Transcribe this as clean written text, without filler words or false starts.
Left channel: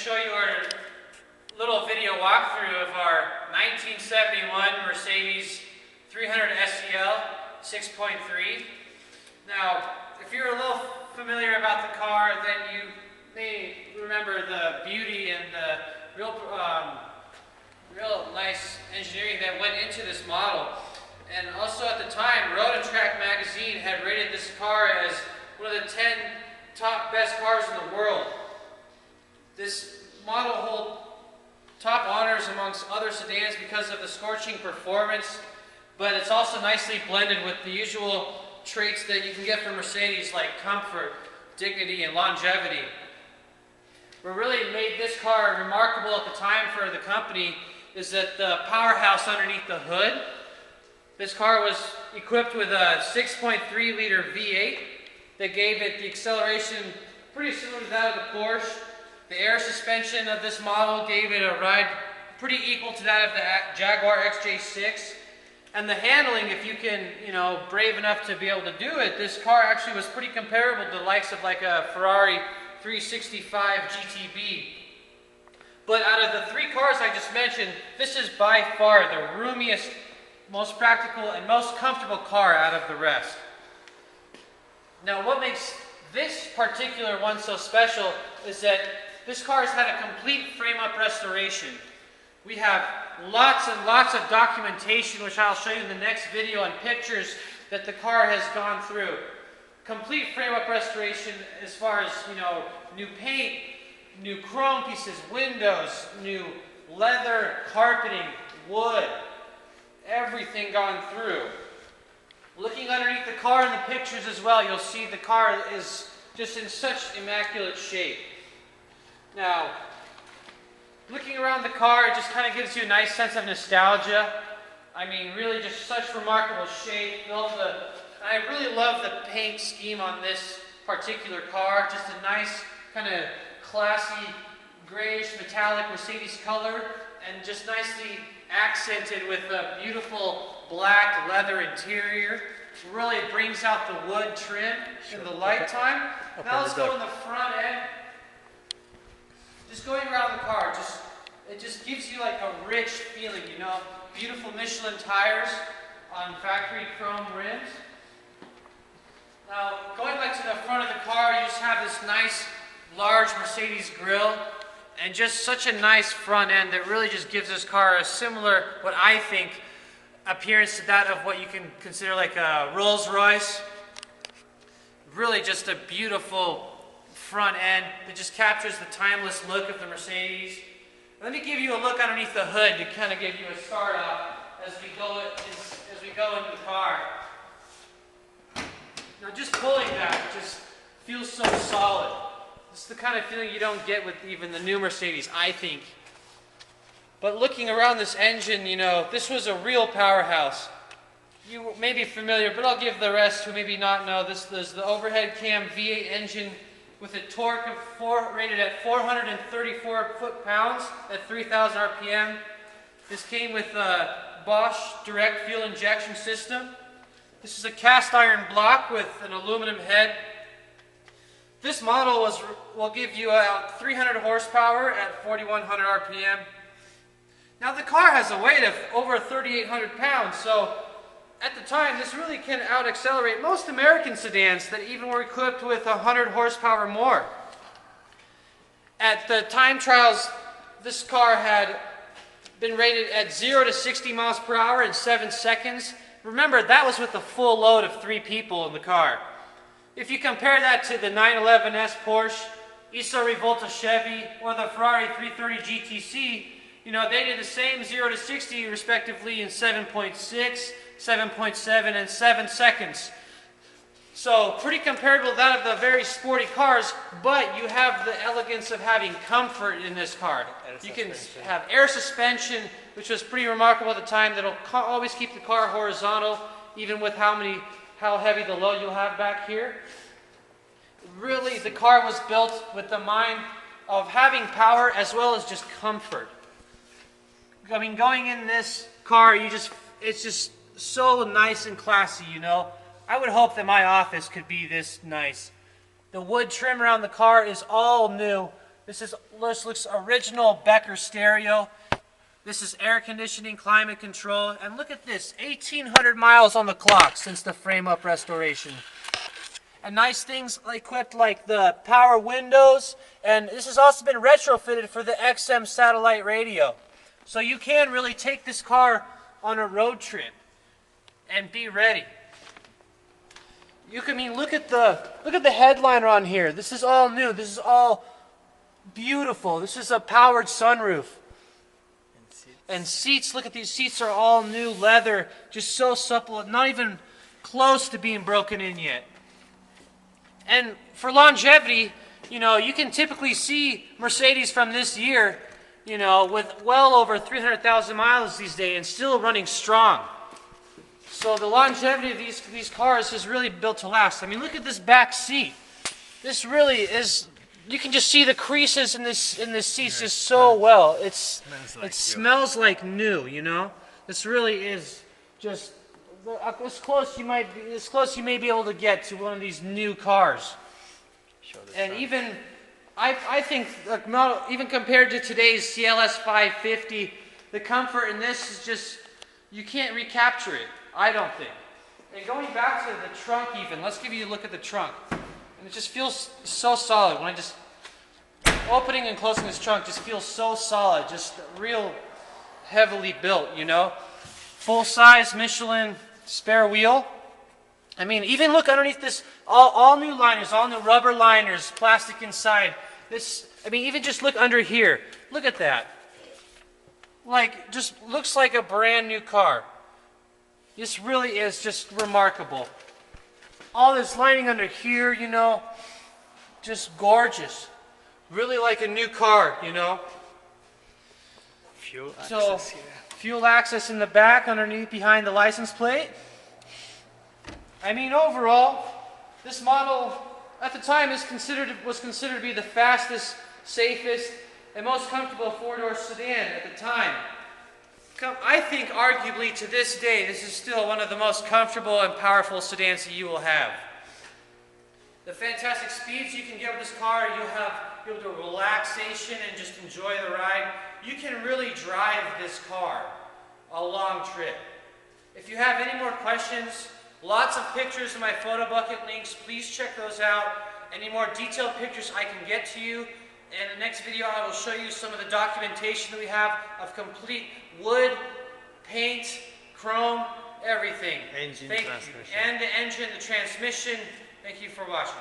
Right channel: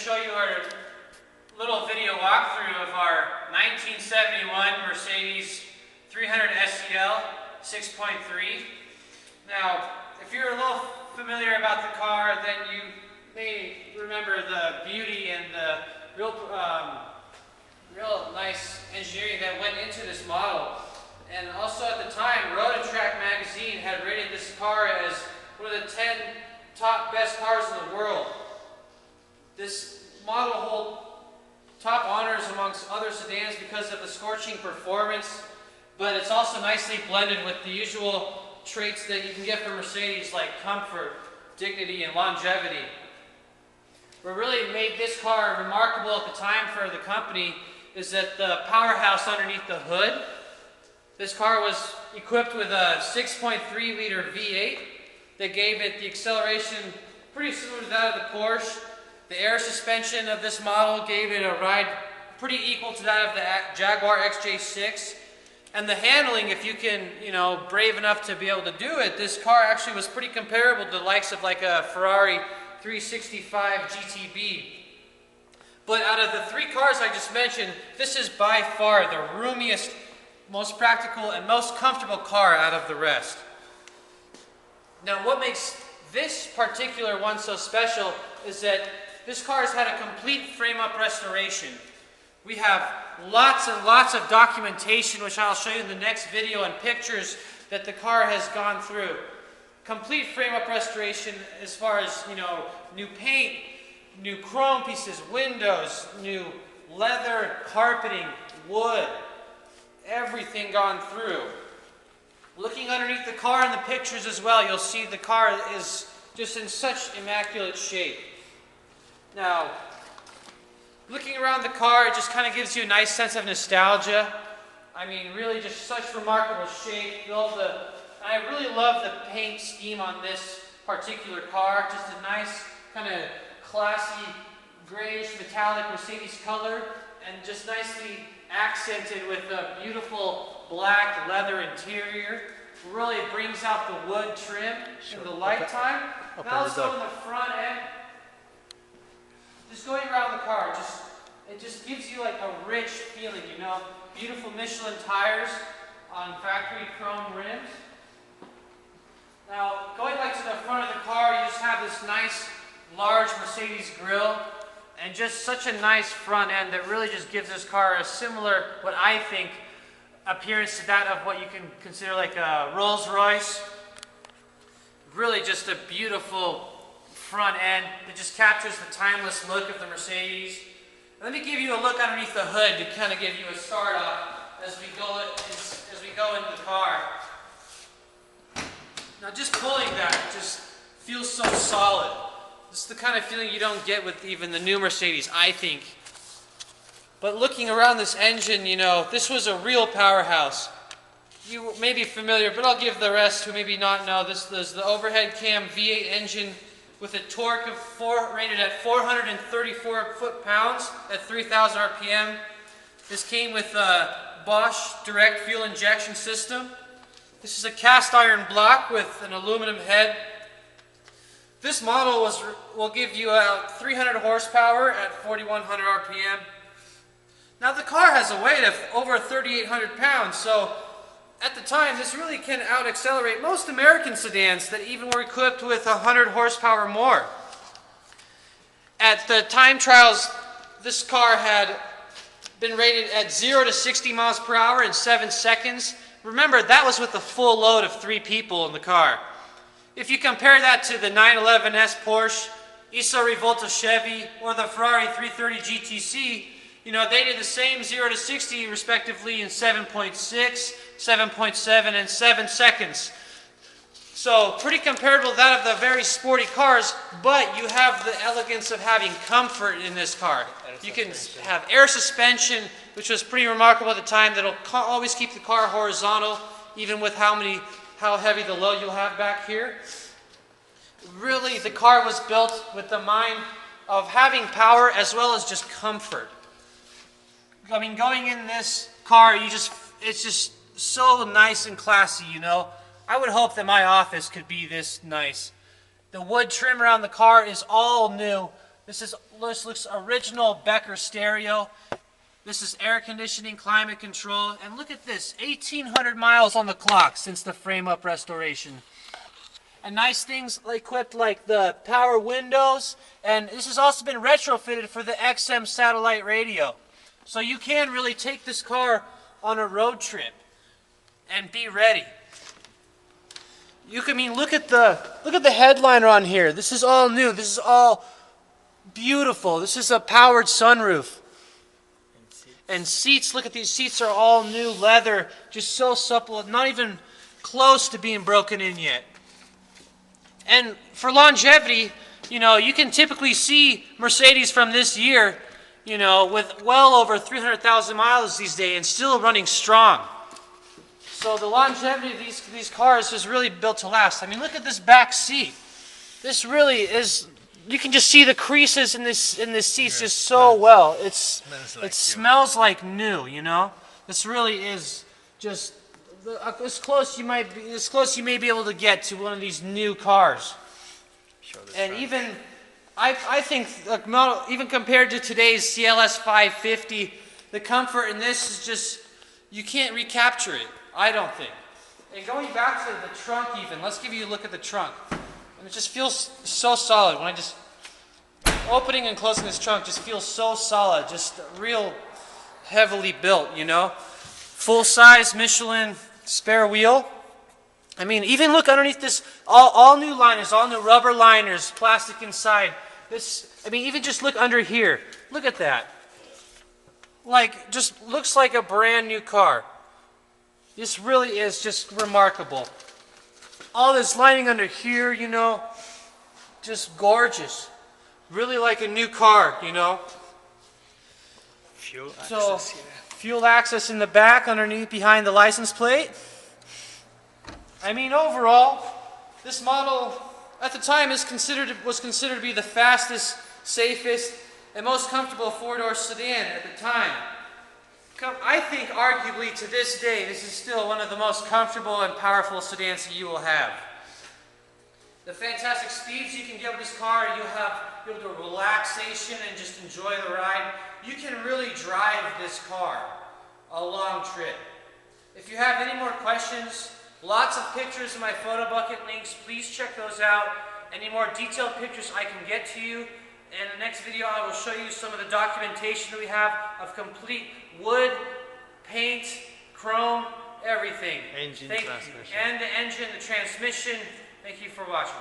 show you our little video walkthrough of our 1971 Mercedes 300 SEL 6.3. Now, if you're a little familiar about the car, then you may remember the beauty and the real nice engineering that went into this model. And also at the time, Road and Track magazine had rated this car as one of the 10 top best cars in the world. This model holds top honors amongst other sedans because of the scorching performance, but it's also nicely blended with the usual traits that you can get from Mercedes, like comfort, dignity, and longevity. What really made this car remarkable at the time for the company is that the powerhouse underneath the hood. This car was equipped with a 6.3 liter V8 that gave it the acceleration pretty similar to that of the Porsche. The air suspension of this model gave it a ride pretty equal to that of the Jaguar XJ6. And the handling, if you can, brave enough to be able to do it, this car actually was pretty comparable to the likes of like a Ferrari 365 GTB. But out of the three cars I just mentioned, this is by far the roomiest, most practical, and most comfortable car out of the rest. Now, what makes this particular one so special is that this car has had a complete frame-up restoration. We have lots and lots of documentation, which I'll show you in the next video, and pictures that the car has gone through. Complete frame-up restoration as far as, new paint, new chrome pieces, windows, new leather, carpeting, wood, everything gone through. Looking underneath the car in the pictures as well, you'll see the car is just in such immaculate shape. Now, looking around the car, it just kind of gives you a nice sense of nostalgia. I mean, really just such remarkable shape. I really love the paint scheme on this particular car. Just a nice kind of classy grayish metallic Mercedes color, and just nicely accented with a beautiful black leather interior. It really brings out the wood trim in the nighttime. Now let's go in the front end. Just going around the car, it just gives you like a rich feeling, Beautiful Michelin tires on factory chrome rims. Now, going back to the front of the car, you just have this nice, large Mercedes grille, and just such a nice front end that really just gives this car a similar, what I think, appearance to that of what you can consider like a Rolls Royce. Really just a beautiful front end that just captures the timeless look of the Mercedes. Let me give you a look underneath the hood to kind of give you a start off as we go into the car. Now, just pulling that just feels so solid. It's the kind of feeling you don't get with even the new Mercedes, I think. But looking around this engine, this was a real powerhouse. You may be familiar, but I'll give the rest who maybe not know. This is the overhead cam V8 engine with a torque of rated at 434 foot-pounds at 3,000 RPM. This came with a Bosch direct fuel injection system. This is a cast iron block with an aluminum head. This model will give you 300 horsepower at 4,100 RPM. Now the car has a weight of over 3,800 pounds, so at the time this really can out-accelerate most American sedans that even were equipped with 100 horsepower more. At the time trials, this car had been rated at 0 to 60 miles per hour in 7 seconds. Remember, that was with a full load of 3 people in the car. If you compare that to the 911S Porsche, Isa Rivolta Chevy, or the Ferrari 330 GTC, they did the same 0 to 60 respectively in 7.6, 7.7, and 7 seconds. So pretty comparable to that of the very sporty cars, but you have the elegance of having comfort in this car. You can have air suspension, which was pretty remarkable at the time. That'll always keep the car horizontal, even with how heavy the load you'll have back here. Really, the car was built with the mind of having power as well as just comfort. I mean, going in this car, it's just so nice and classy, I would hope that my office could be this nice. The wood trim around the car is all new. This looks original Becker stereo. This is air conditioning, climate control, and look at this, 1,800 miles on the clock since the frame-up restoration. And nice things equipped like the power windows, and this has also been retrofitted for the XM satellite radio. So you can really take this car on a road trip and be ready. Look at the headliner on here. This is all new. This is all beautiful. This is a powered sunroof. And seats, look at these seats, are all new leather, just so supple, not even close to being broken in yet. And for longevity, you can typically see Mercedes from this year, with well over 300,000 miles these days and still running strong. So the longevity of these cars is really built to last. I mean, look at this back seat. This really is. You can just see the creases in this seats just so well. It smells like new. This really is just as close you may be able to get to one of these new cars. And even I think even compared to today's CLS 550, the comfort in this is just, you can't recapture it. I don't think. And going back to the trunk even, let's give you a look at the trunk. And it just feels so solid. When I just opening and closing this trunk just feels so solid, just real heavily built, Full-size Michelin spare wheel. I mean, even look underneath this, all new liners, all new rubber liners, plastic inside. Even just look under here. Look at that. Just looks like a brand new car. This really is just remarkable. All this lining under here, just gorgeous. Really like a new car, Fuel access here. Fuel access in the back, underneath, behind the license plate. I mean, overall, this model at the time was considered to be the fastest, safest, and most comfortable four-door sedan at the time. I think, arguably, to this day, this is still one of the most comfortable and powerful sedans that you will have. The fantastic speeds you can get with this car, you'll do relaxation and just enjoy the ride. You can really drive this car a long trip. If you have any more questions, lots of pictures in my photo bucket links, please check those out. Any more detailed pictures I can get to you. In the next video, I will show you some of the documentation that we have of complete wood, paint, chrome, everything. Engine, transmission. And the engine, the transmission. Thank you for watching.